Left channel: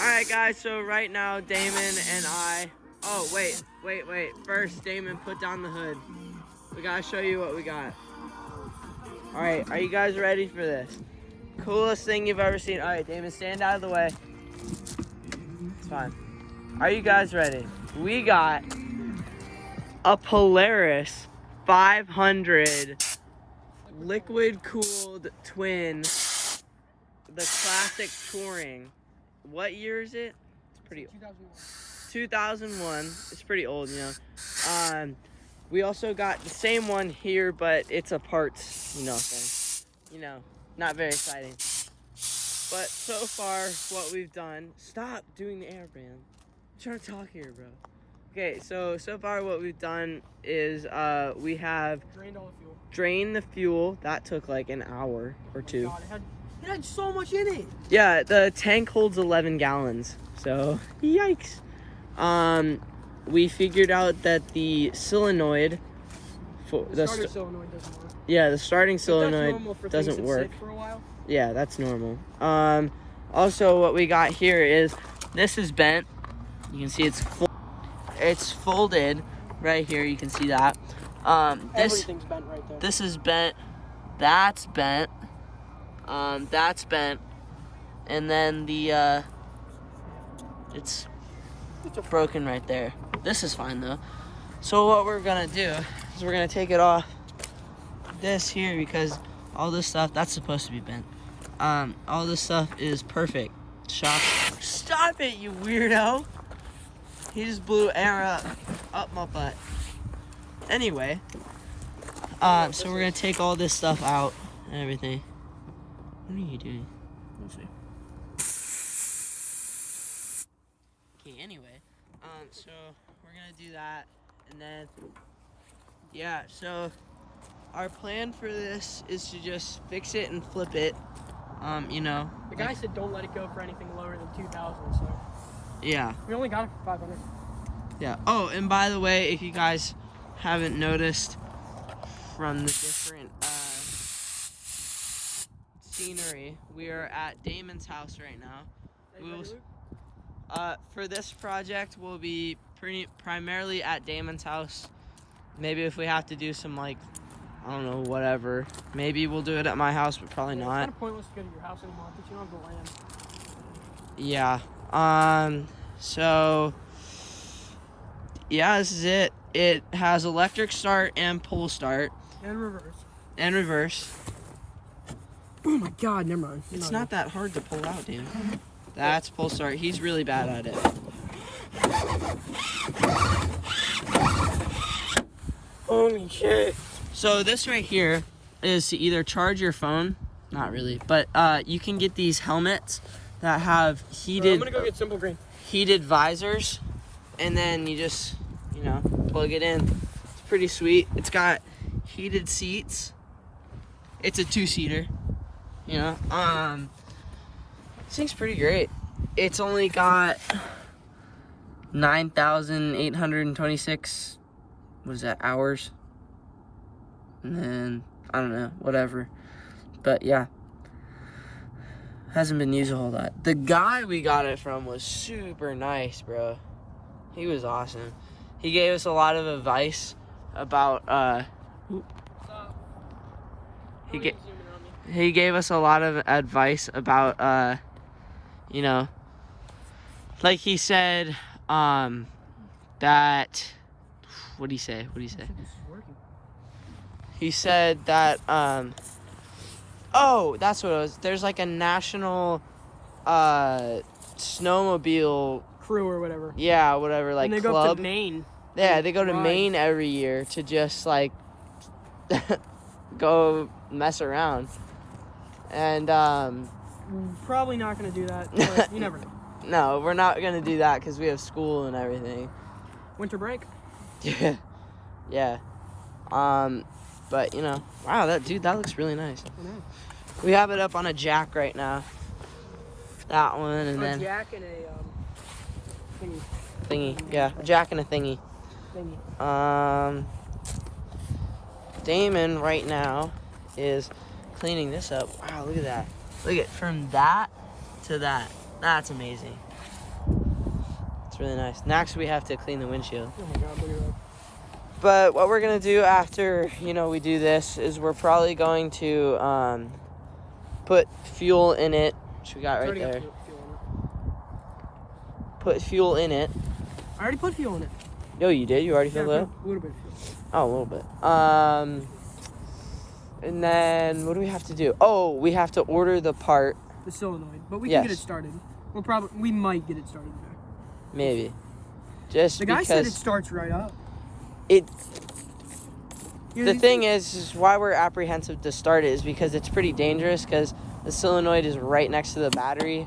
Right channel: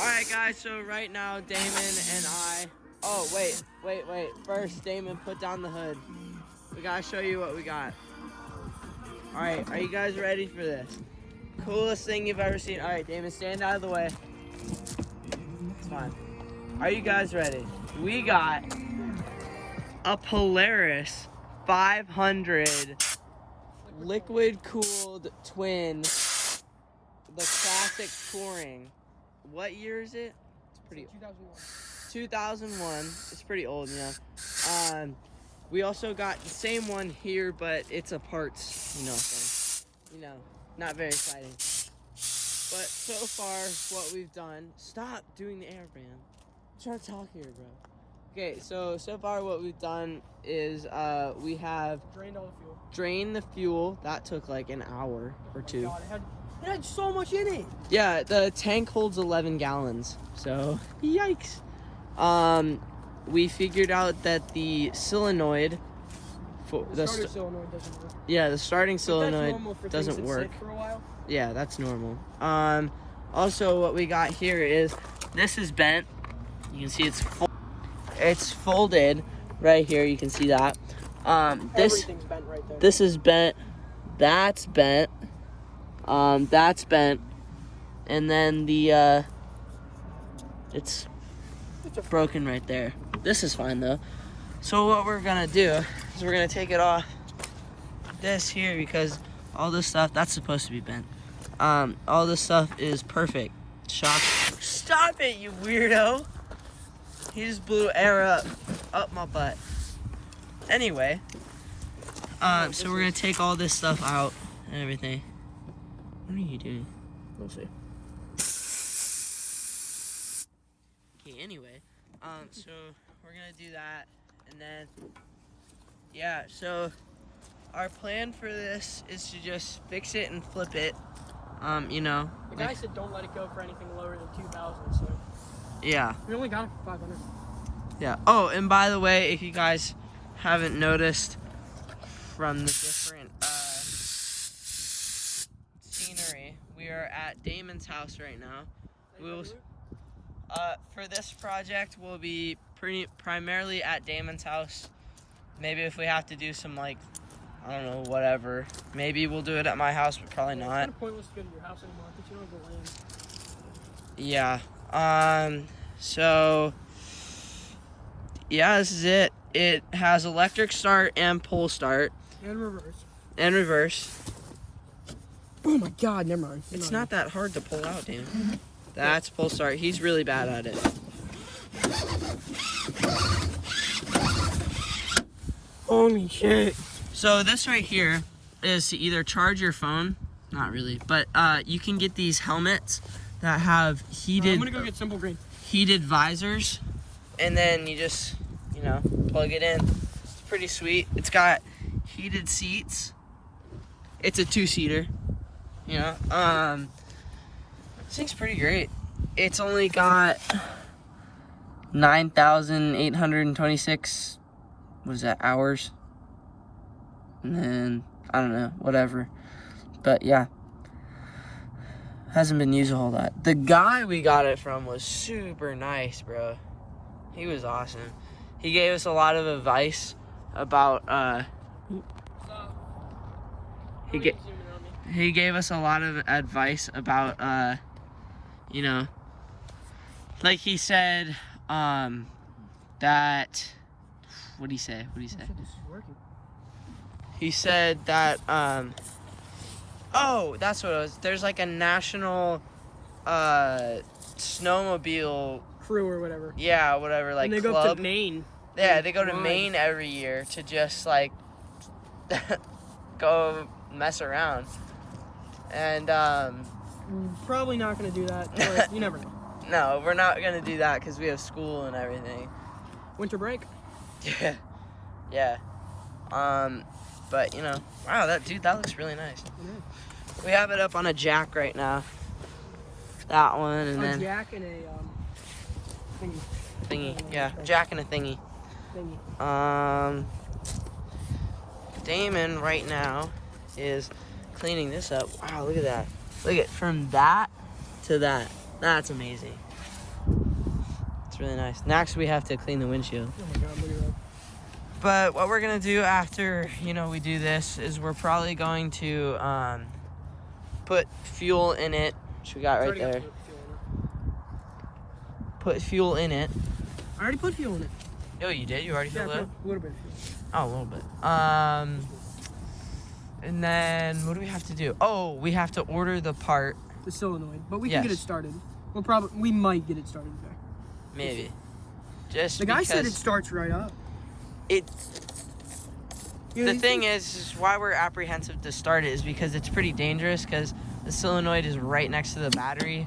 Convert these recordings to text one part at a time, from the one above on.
Alright guys, so right now Damon and I... Oh, wait. First, Damon, put down the hood. We gotta show you what we got. Alright, are you guys ready for this? Coolest thing you've ever seen. Alright, Damon, stand out of the way. It's fine. Are you guys ready? We got a Polaris 500 liquid-cooled twin, the classic touring. What year is it? It's pretty old. 2001. It's pretty old, you know. We also got the same one here, but it's a parts, thing. Not very exciting. But so far, what we've done... Stop doing the airband. I'm trying to talk here, bro. Okay, so far what we've done is we have... Drained all the fuel. Drained the fuel. That took like an hour or two. God, it had so much in it. Yeah, the tank holds 11 gallons. So, yikes. We figured out that the solenoid... The starter solenoid doesn't work. Yeah, the starting solenoid doesn't work. Sit for a while. Yeah, that's normal. Also, what we got here is... This is bent. You can see it's folded right here. You can see that. Everything's bent right there. This is bent. That's bent. That's bent. And then the it's broken right there. This is fine though. So what we're gonna do is we're gonna take it off this here because all this stuff that's supposed to be bent. All this stuff is perfect. Stop it, you weirdo. He just blew air up my butt. Anyway, so we're gonna take all this stuff out and everything. What are you doing? We'll see. Okay, anyway, so we're gonna do that, and then, yeah, so our plan for this is to just fix it and flip it, The guy said don't let it go for anything lower than 2,000, so. Yeah. We only got it for 500. Yeah. Oh, and by the way, if you guys haven't noticed from the different scenery, we are at Damon's house right now. For this project, we'll be primarily at Damon's house. Maybe if we have to do some, I don't know, whatever. Maybe we'll do it at my house, but probably not. It's kind of pointless to go to your house anymore because you don't have the land. Yeah. So, yeah, this is it. It has electric start and pull start. And reverse. And reverse. Oh my god, never mind. It's not that hard to pull out, dude. That's pull start. He's really bad at it. Holy shit. So this right here is to either charge your phone, not really, but you can get these helmets that have heated... I'm gonna go get Simple Green. Heated visors, and then you just, plug it in. It's pretty sweet. It's got heated seats. It's a 2-seater, This thing's pretty great. It's only got 9,826, what is that, hours? And then, I don't know, whatever. But yeah. Hasn't been used a whole lot. The guy we got it from was super nice, bro. He was awesome. He gave us a lot of advice about he gave us a lot of advice about like he said that what'd he say? He said that oh, that's what it was. There's like a national snowmobile crew or whatever. Yeah, whatever, like, and they club. go up to Maine. Yeah, they go to Maine every year to just go mess around. And we're probably not gonna do that, but you never know. No, we're not gonna do that because we have school and everything. Winter break. Yeah. Yeah. But wow, that looks really nice. We have it up on a jack right now. That one, and then jack and a thingy. Yeah, a jack and a thingy. Damon right now is cleaning this up. Wow, look at that. Look at from that to that. That's amazing. It's really nice. Next, we have to clean the windshield. Oh my God, look at that. But what we're gonna do after, we do this is we're probably going to put fuel in it, which we got right there. Put fuel in it. I already put fuel in it. Yo, you did? You already filled it up? A little bit of fuel. Oh, a little bit. And then what do we have to do? Oh, we have to order the part. The solenoid, but we can get it started. We might get it started there. Maybe. Just the guy said it starts right up. The thing is why we're apprehensive to start it is because it's pretty dangerous because the solenoid is right next to the battery,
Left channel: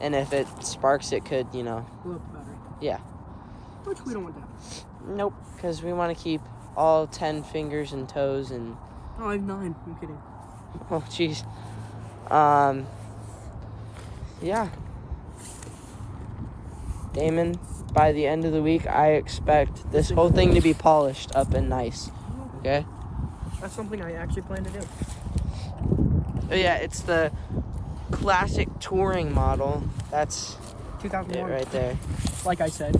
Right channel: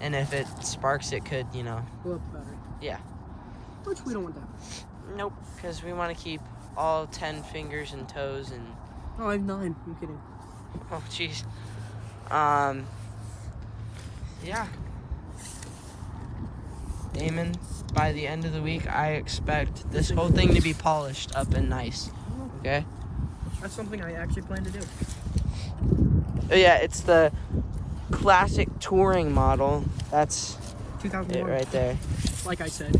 and if it sparks, it could, blow up the battery. Yeah. Which we don't want to happen. Nope, because we want to keep all 10 fingers and toes and. Oh, I have 9. I'm kidding. Oh, jeez. Yeah. Damon, by the end of the week, I expect this whole thing to be polished up and nice. Okay? That's something I actually plan to do. Oh, yeah, it's the classic touring model. That's 2001. it right there. Like I said.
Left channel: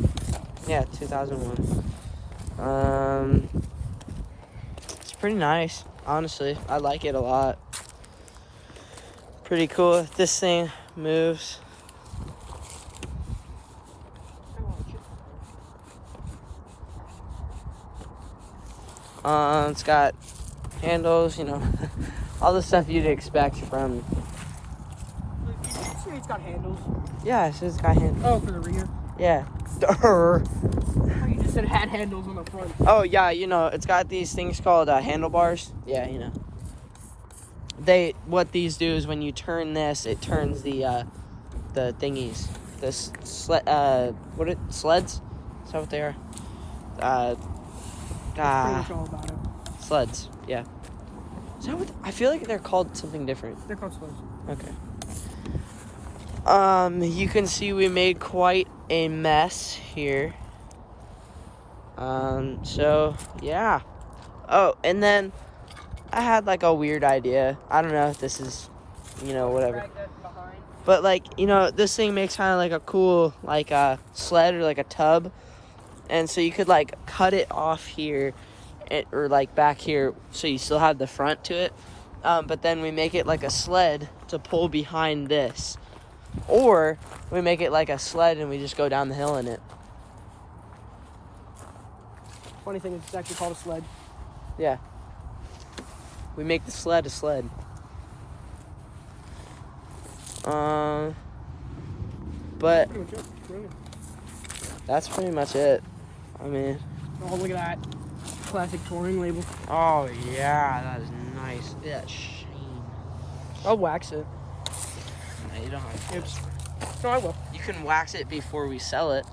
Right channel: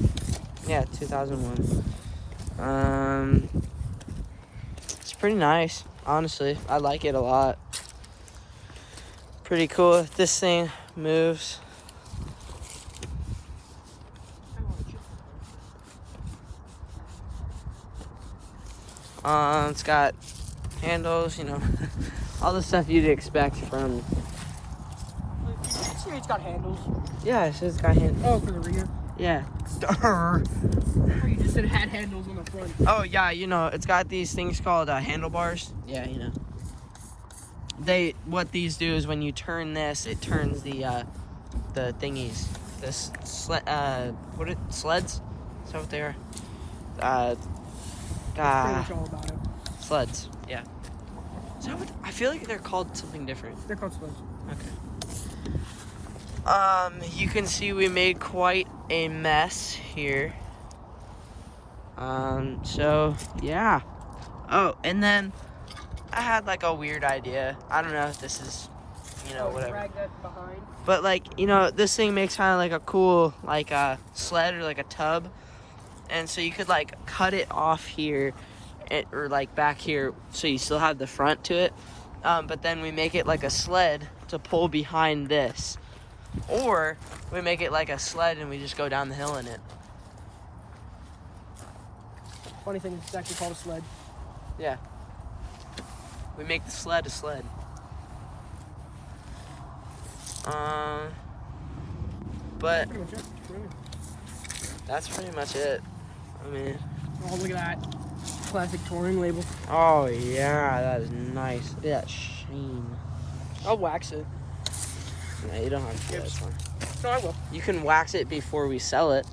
Yeah, 2001. It's pretty nice, honestly. I like it a lot. Pretty cool. This thing moves. It's got handles, all the stuff you'd expect from. It's got handles. Yeah, it's got handles. Oh, for the rear. Yeah. Oh, you just said it had handles on the front. Oh yeah, it's got these things called handlebars. Yeah, What these do is when you turn this, it turns the thingies, the sleds? Is that what they are? Pretty much all about it. Sleds. Yeah. Is that what, I feel like they're called something different. They're called sleds. Okay. You can see we made quite a mess here. So yeah. Oh, and then I had like a weird idea. I don't know if this is, whatever. But this thing makes kind of like a cool, like a sled or like a tub. And so you could like cut it off here or like back here so you still have the front to it. But then we make it like a sled to pull behind this. Or we make it like a sled and we just go down the hill in it. Funny thing is it's actually called a sled. Yeah. We make the sled a sled. But that's pretty much it. I mean. Oh, look at that. Classic touring label. Oh, yeah. That is nice. Look at that sheen. I'll wax it. No, you don't have to do that. It's fine. No, I will. You can wax it before we sell it.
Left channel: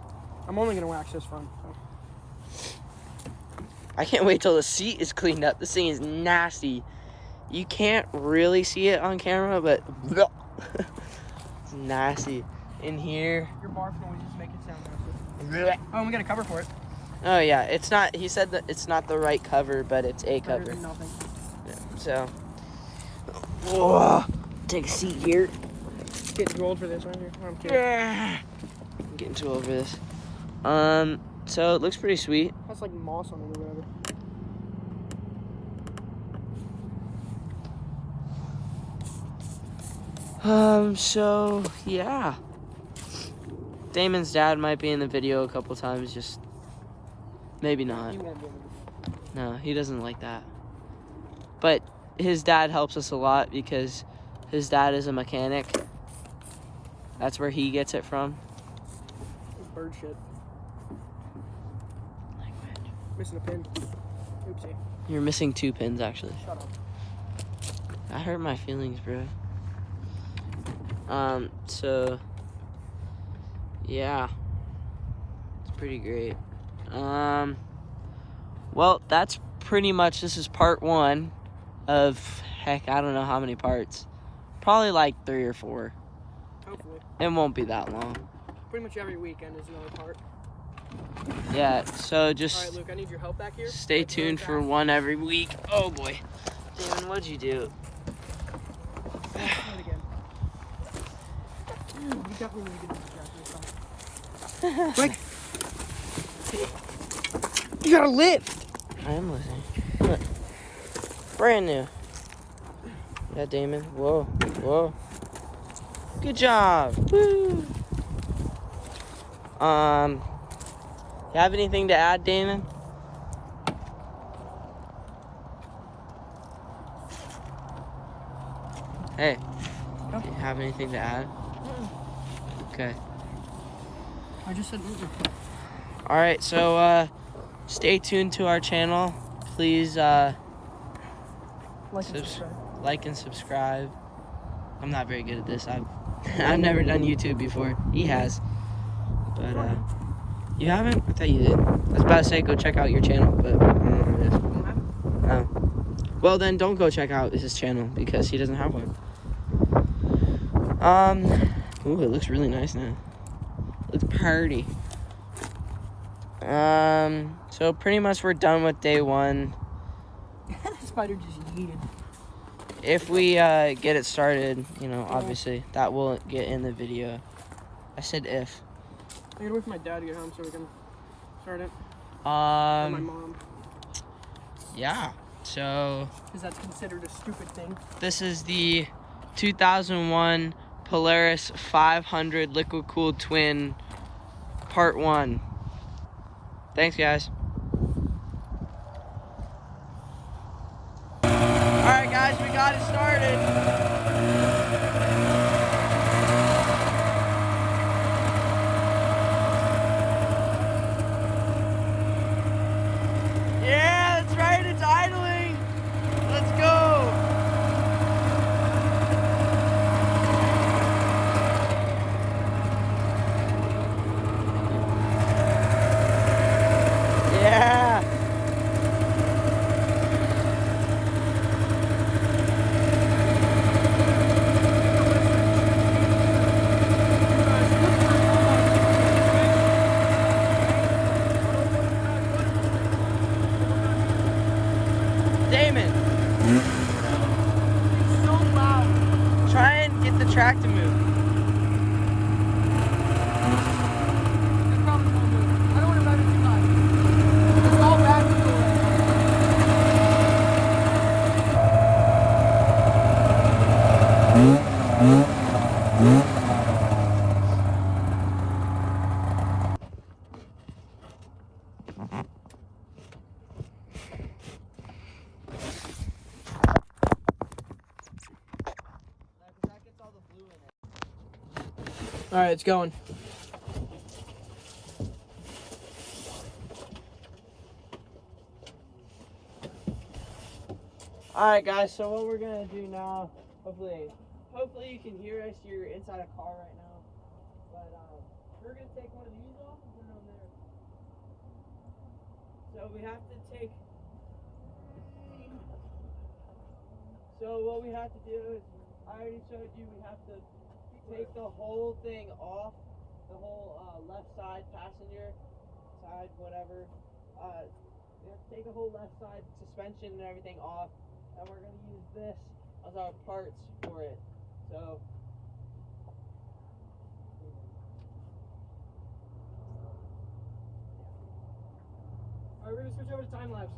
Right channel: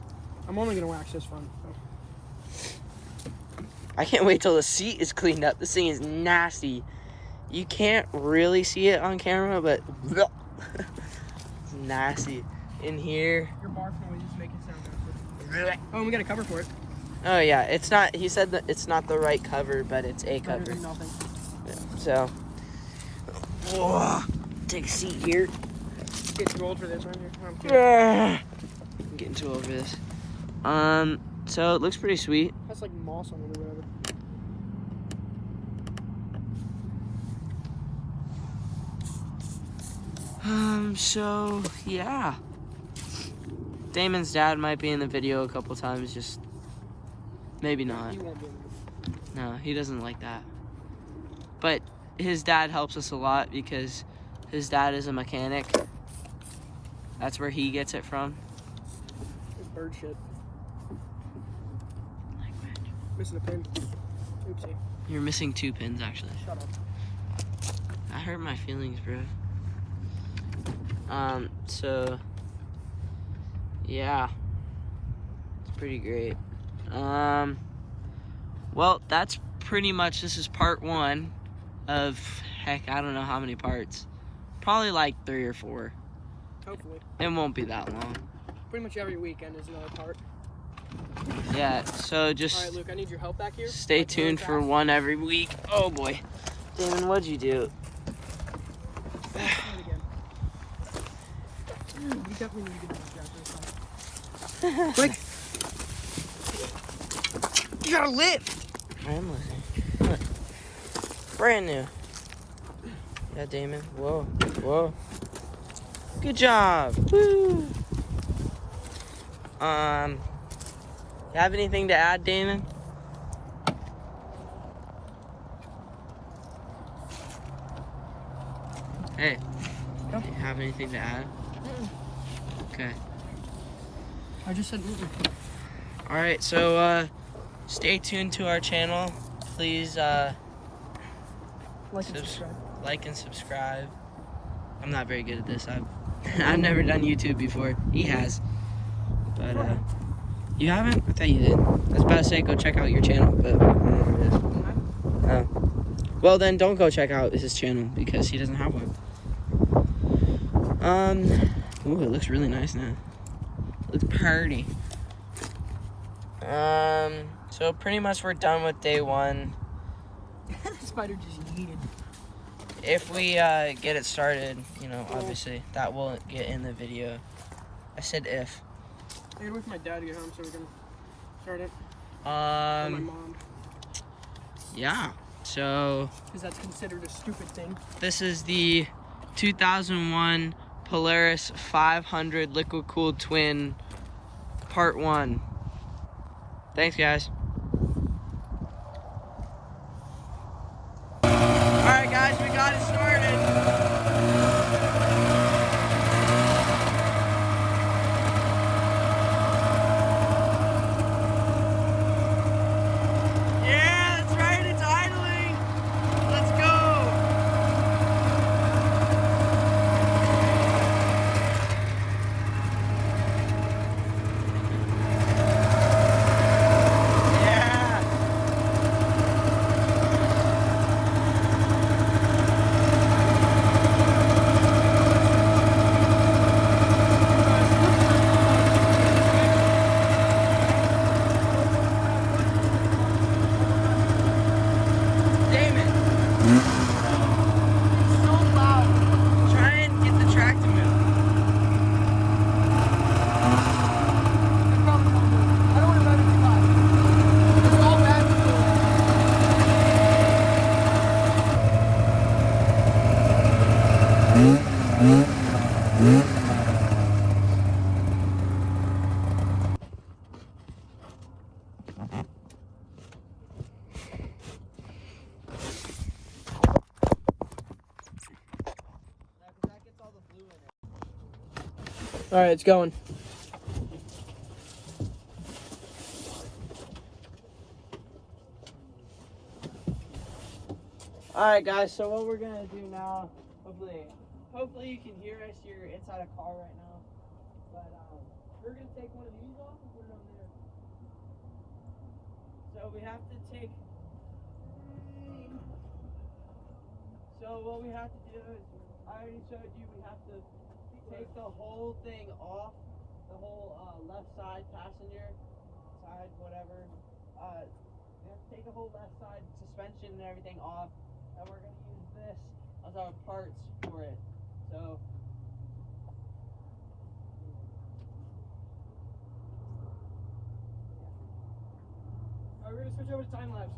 I'm only going to wax this one. I can't wait till the seat is cleaned up. This thing is nasty. You can't really see it on camera, but it's nasty. In here. Your barf noise is making sound. Oh, we got a cover for it. Oh yeah, it's not. He said that it's not the right cover, but it's a cover. Nothing. Yeah, so. Oh, take a seat here. Getting too old for this right here. I'm getting too old for this. So it looks pretty sweet. That's like moss on it or whatever. So yeah. Damon's dad might be in the video a couple times, just maybe not. No, he doesn't like that. But his dad helps us a lot because his dad is a mechanic. That's where he gets it from. Bird shit. Missing a pin. Oopsie. You're missing 2 pins, actually. Shut up. That hurt my feelings, bro. So yeah, it's pretty great. Well, that's pretty much, this is part 1 of, heck, I don't know how many parts. Probably like 3 or 4. Hopefully. It won't be that long. Pretty much every weekend is another part. Yeah, so just Alright, Luke, I need your help back here. stay tuned for one every week. Oh boy. Damon, what'd you do? You definitely need to do that. Like, you gotta lift. I am listening. Look. Brand new. Yeah, Damon. Whoa. Whoa. Good job. Woo. You have anything to add, Damon? Hey. No. You have anything to add? Okay. I just said All right, so stay tuned to our channel. Please like and subscribe. like and subscribe. I'm not very good at this. I've never done YouTube before. He has, but you haven't? I thought you did. I was about to say go check out your channel, but I don't know where it is. Oh. Well then, don't go check out his channel because he doesn't have one. Ooh, it looks really nice now. Looks pretty. So pretty much we're done with day one. The spider just yeeted. If we get it started, you know, obviously that will get in the video. I said if. I gotta wait for my dad to get home so we can start it. Or my mom. Yeah. So Because that's considered a stupid thing. this is the 2001 Polaris 500 liquid cooled twin part 1. Thanks, guys. All right, guys, we got it started. Yeah, that's right, it's idling. Let's go. Yeah. Damon, It's so loud. try and get the track to move. I promise I'll do it. I don't want to run it too high. It's all back to All right, it's going. All right, guys. So what we're gonna do now? Hopefully you can hear us. You're inside a car right now, but we're gonna take one of these off and put it on there. So we have to take. So what we have to do is, I already showed you. We have to take the whole thing off, the whole left side passenger side, whatever. We have to take the whole left side suspension and everything off, and we're gonna use this as our parts for it. So. All right, we're gonna switch over to time lapse.